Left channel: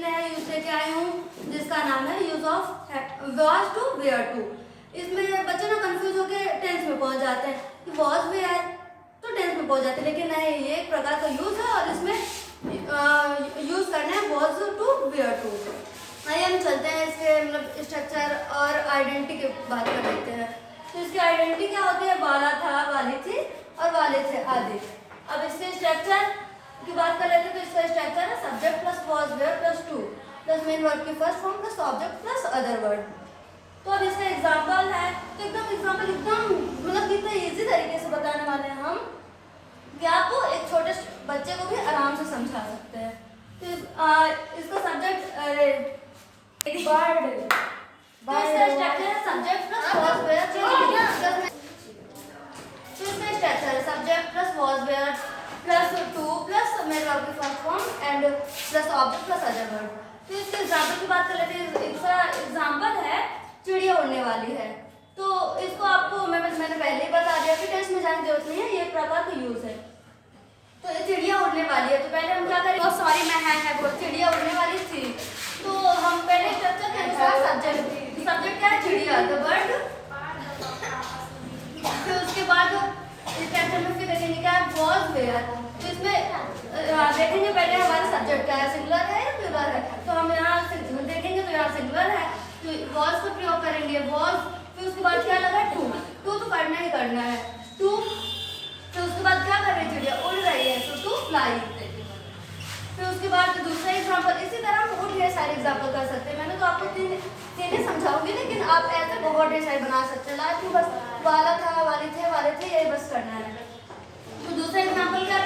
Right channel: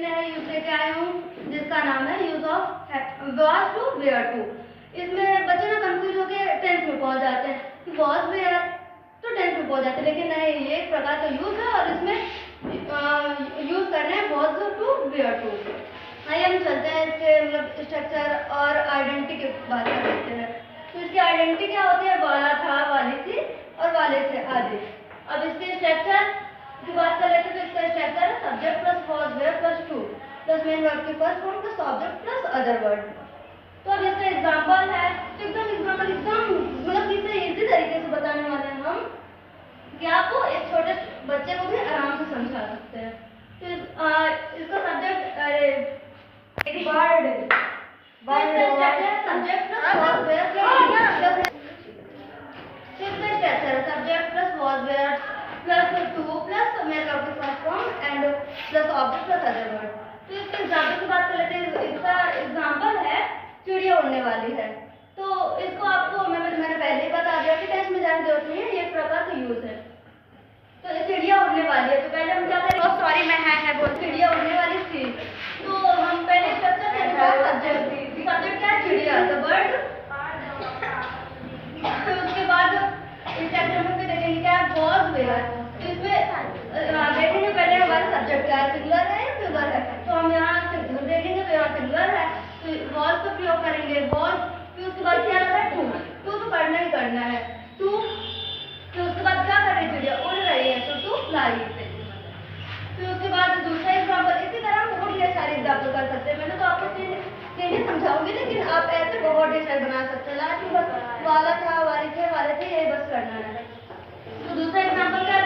नया यूज लेके आई हूँ जिसका नाम है use of was to where to. इसमें बच्चे ना कंफ्यूज होके टेंस में पहुंच जाते हैं कि वॉज वेयर तो टेंस में पहुंच जाते हैं, लेकिन नहीं, ये एक प्रकार का यूज है और इसमें यूज करना है वॉज टू वेयर टू। आइए हम चलते हैं इसके मतलब स्ट्रक्चर और आइडेंटिटी की बात कर लेते हैं। तो इसकी आइडेंटिटी क्या होती है? वाला था, वाली थी और वाले थे आदि। अब इसके स्ट्रक्चर की बात कर लेते हैं। तो इसका स्ट्रक्चर है subject plus was were plus to plus main word की first form plus object plus other word. तो अब इसका एग्जांपल है, तो एग्जांपल एकदम मतलब कितने इजी तरीके से बताने वाले हैं हम कि आपको एक छोटे बच्चे को भी आराम से समझा सकते हैं। तो इसका सब्जेक्ट बर्ड, तो इसका स्ट्रक्चर है सब्जेक्ट प्लस वॉज वेयर। तो इसका स्ट्रक्चर है subject plus was were plus to plus main verb की first form and plus object plus other word. तो इसके एग्जांपल की बात कर लेते हैं। इसका एग्जांपल है चिड़िया उड़ने वाली है। तो इसको आपको मैंने पहले ही बता दिया कि टेस्ट में जाने की जरूरत नहीं है, ये एक प्रकार का यूज है। तो ये चिड़िया उड़ने वाली है, तो पहले हम क्या करेंगे? तो सॉरी मैं है बोल, चिड़िया उड़ने वाली थी। तो हम पहले स्ट्रक्चर के अनुसार सब्जेक्ट क्या है? चिड़िया, द बर्ड। फिर उसके बाद स्ट्रक्चर में फिर देखेंगे क्या है? Was where. तो इसमें देखेंगे पहले हमारा सब्जेक्ट क्या है, सिंगुलर है या प्लूरल है। तो हम यहाँ देखेंगे तो यहाँ सिंगुलर है, तो वॉज का प्रयोग करेंगे वॉज। फिर उसके बाद क्या लगा? टू। टू तो करना ही करना है, टू। फिर उसके बाद क्या कर रही है? चिड़िया उड़ रही है, तो टू फ्लाई। फिर उसके बाद दूसरा एग्जांपल, इसी तरह हम बहुत ढेर सारे एग्जांपल कर सकते हैं। मैंने तो आपको तीन ही समझाऊंगी, लेकिन आप ऐसे बहुत ढेर सारे बना सकते हैं। लास्ट में बस वाला था, वाले थे, यही बस करना है। तो दूसरा एग्जांपल क्या?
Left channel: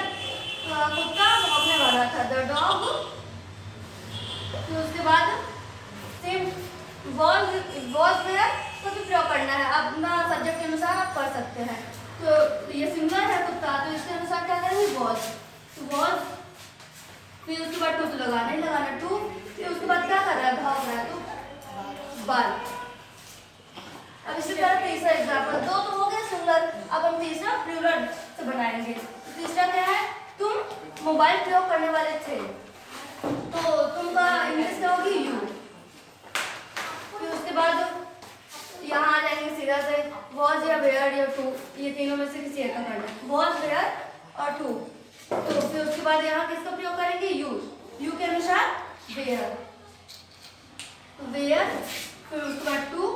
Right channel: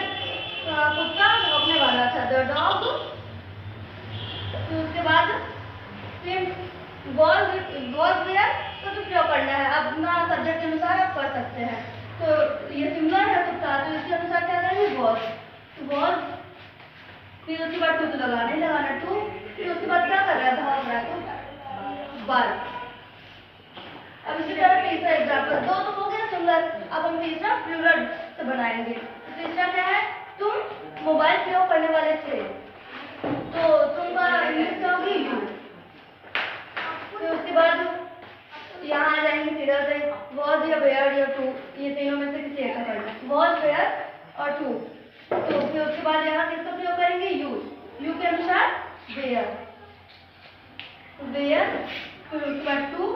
कुत्ता भौंकने वाला था, द डॉग। फिर उसके बाद वॉज वेयर का तो प्रयोग करना है। अब सब्जेक्ट के अनुसार आप कर सकते हैं। तो ये सिंगुलर है कुत्ता, तो इसके अनुसार क्या करेंगे? वॉज। तो वॉज, फिर उसके बाद टू तो लगाना टू। फिर उसके बाद क्या कर रहा है? भाग रहा है, तो बाल। अब इसी तरह तीसरा एग्जांपल, दो तो हो गया सिंगुलर, अब हम तीसरा प्लूरल से बनाएंगे। तीसरा क्या है? तुम मोबाइल प्रयोग करने वाले थे, तो तुम का इंग्लिश क्या होगी? यू। फिर उसके बाद यहाँ आ जाएंगे सीधा से वॉज या वेयर या टू, ये तीनों में से किसी एक का करना है, वॉज वेयर और टू। तो फिर उसके बाद यहाँ किसका प्रयोग करेंगे? यू। यू के अनुसार वेयर, वेयर। फिर उसके बाद टू।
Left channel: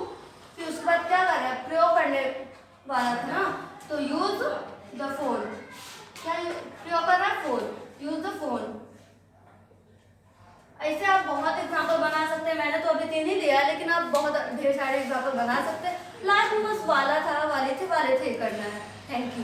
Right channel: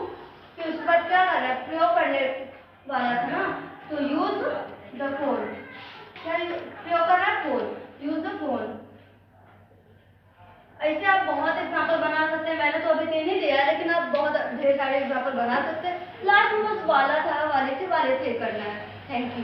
फिर उसके बाद क्या कर रहा है? प्रयोग करने वाला था ना, तो यूज द फोन। क्या प्रयोग कर रहा है? Phone, use the phone. ऐसे आप बहुत एग्जाम्पल बना सकते हैं। मैंने तो अभी तीन ही दिया, लेकिन आप बहुत ढेर सारे एग्जाम्पल बना सकते हैं। लास्ट में बस वाला था, वाले थे करना है। Thank you.